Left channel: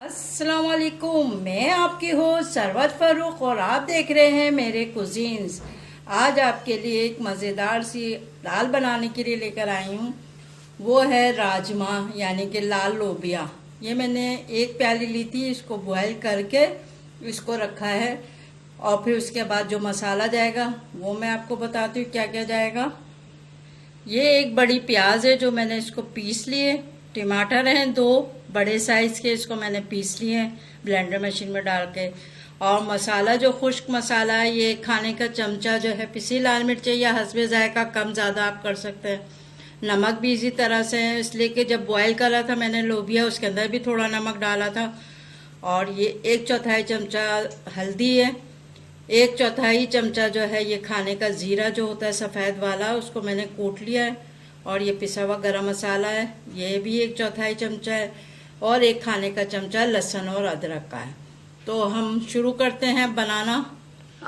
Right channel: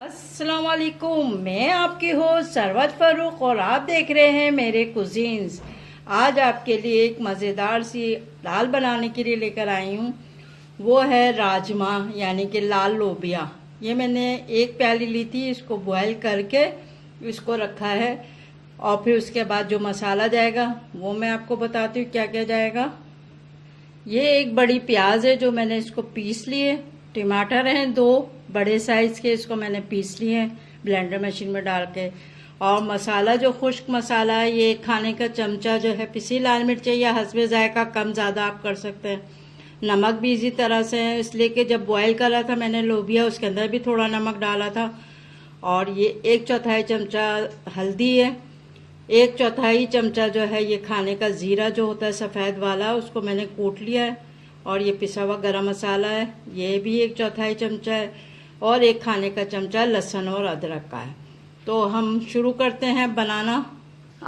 अस्सलाम वालेकुम। मैं आपकी होस्ट सरवत फारूक और आप देख रहे हैं मेरे कुजीन्स। आज आपके लिए एक मज़ेदार सी दाल बनाने के लिए लेकर आई हूँ। वो है राजमा यानी कि लाल लोबिया। ये मैंने एक प्याली ली थी, इसको बॉयल करके इसको रखा है। और फिर उसके बाद जो मसाला जाएगा वो मैं आपको बताती हूँ क्या क्या जाएगा। ये एक बड़ी प्याज है जो मैंने इसको पीस लिए। टमाटर हैं दो बड़े साइज के, इसको मैंने पीस लिए हैं ब्लेंडर मशीन में डाल के। और मसाला जो खुश्क मसाला है, ये खाने का चमचा जो है पिसी लाल मिर्च या हस्बे जायका कम ज़्यादा आप कर सकते हैं। नमक भी इसी तरह से है, इसलिए कि जब बॉयल करा था मैंने लोबिया उसके अंदर भी थोड़ा नमक डाला था। और ये 1/4 चमचा हल्दी है। 1/4 चमचा जो है ये खाने का ज़ीरा जो होता है सफ़ेद वाला, उसको मैंने कूट लिया है। और ये पिसा हुआ गरम मसाला है, ये भी 1/4 चमचा है। और एक खाने का चमचा लहसुन और अदरक का है। तो हम शुरू करते हैं बनाना।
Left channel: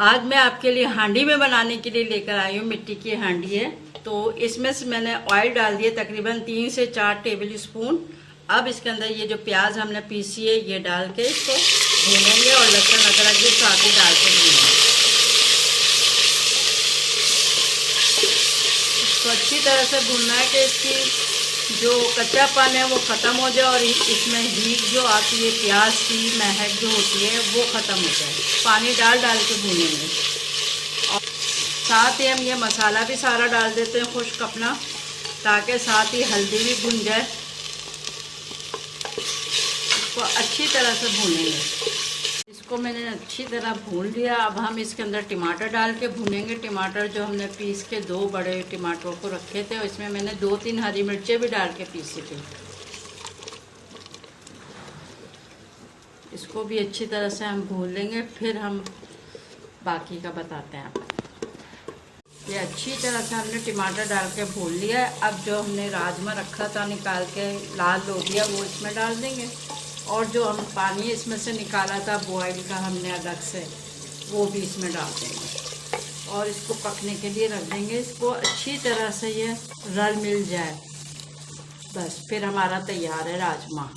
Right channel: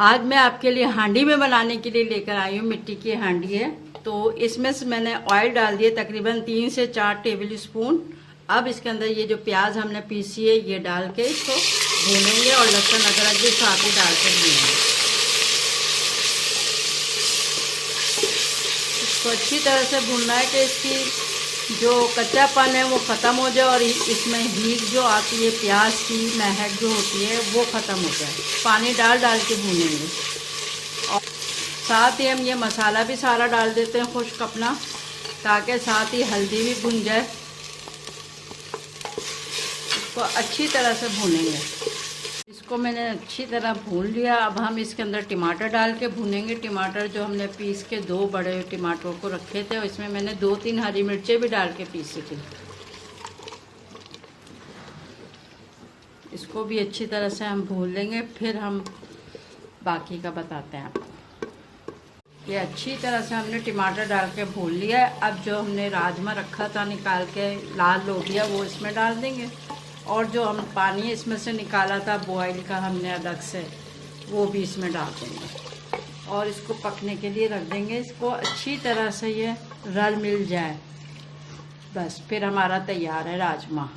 आज मैं आपके लिए हांडी में बनाने के लिए लेकर आई हूँ। मिट्टी की हांडी है, तो इसमें से मैंने ऑयल डाल दिए तकरीबन 3 से 4 टेबल स्पून। अब इसके अंदर ये जो प्याज हमने पीसी है ये डाल के इसको भूनेंगे और लहसुन अदरक भी साथ ही डाल के भूनेंगे। इसको अच्छी तरह से भूनना है कि इसकी जो कच्चापन है वो ख़त्म हो जाए और इसमें हीट जो आती है प्याज की महक जो होती है वो ख़त्म हो जाए। पानी डाल डाल के भूनेंगे। और साथ ही हम ये मसाला भी सारा डाल देते हैं खुश्क अपना, ताकि साथ ही हल्दी भी भुन जाए। इसको अच्छी तरह से भूनेंगे। इसको मैंने अच्छी तरह भून लिया। अब हम इसके अंदर टमाटर डाल के भूनेंगे। टमाटर जो हमने पीस के 2 बड़े टमाटर को रखे थे, इसमें मैंने 2-3 हरी मिर्चें भी डाल के पीसी थी। इसको भी अच्छी तरह से हम भून लेंगे, फिर हम बाकी का बताते हैं आपको। ये अच्छी तरह से हमने टमाटर डाल के भून लिया। अब जो हमने राजमा रखा था निकाल के लाल लोबिया वो इसमें डाल देंगे। और जो हम पानी इसमें से निकाला था बॉयल का हमने अलग से, वो भी इसमें डाल देंगे और इसको पकने के लिए रख देंगे। इसको अच्छी तरह से ये रल मिल जाए, बस फिर हमारा तैयार है राजमा।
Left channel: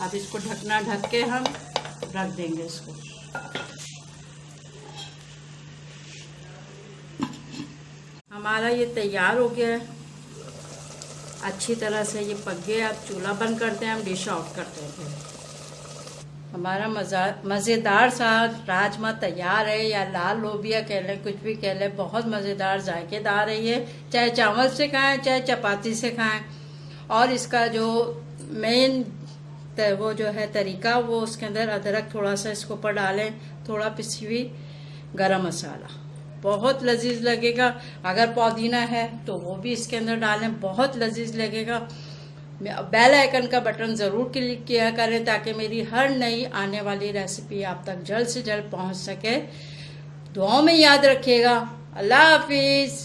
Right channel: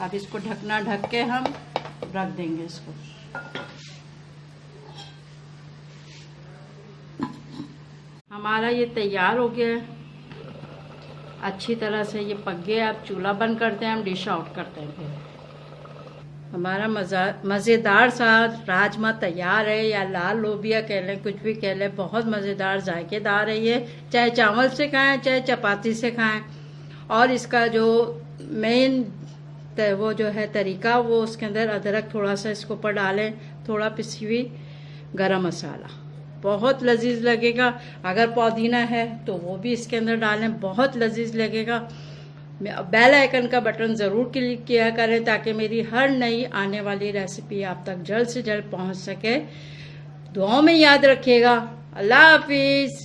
अब इसको ढकना ढक के हम रख देंगे इसको। हमारा ये तैयार हो गया है, अच्छी तरह से ये पक गया। अब चूल्हा बंद करते हैं, हम डिश आउट करते हैं। फिर हमारा मज़ेदार सा राजमा तैयार है, या लाल लोबिया कह लें, कुछ भी कह लें। बहुत मज़ेदार जायकेदार है ये, चाहे चावल से खाएं चाहे चपाती से खाएं। और इसका जो मेन वो जो है तरीका, वो उसके अंदर अदरक थोड़ा सा इसके ऊपर डालें, थोड़ा पिसी हुई गरम मसाला, बहुत लजीज लगेगा। अगर पुदीना है तो वो भी इसके अंदर डालें, बहुत लजीज लगेगा। बेल आइकन का बटन ज़रूर क्लिक किया करें ताकि मेरी हर नई आने वाली रेसिपी आप तक जल्द से जल्द पहुंच सके। दुआओं में याद रखिएगा। अल्लाह हाफिज़।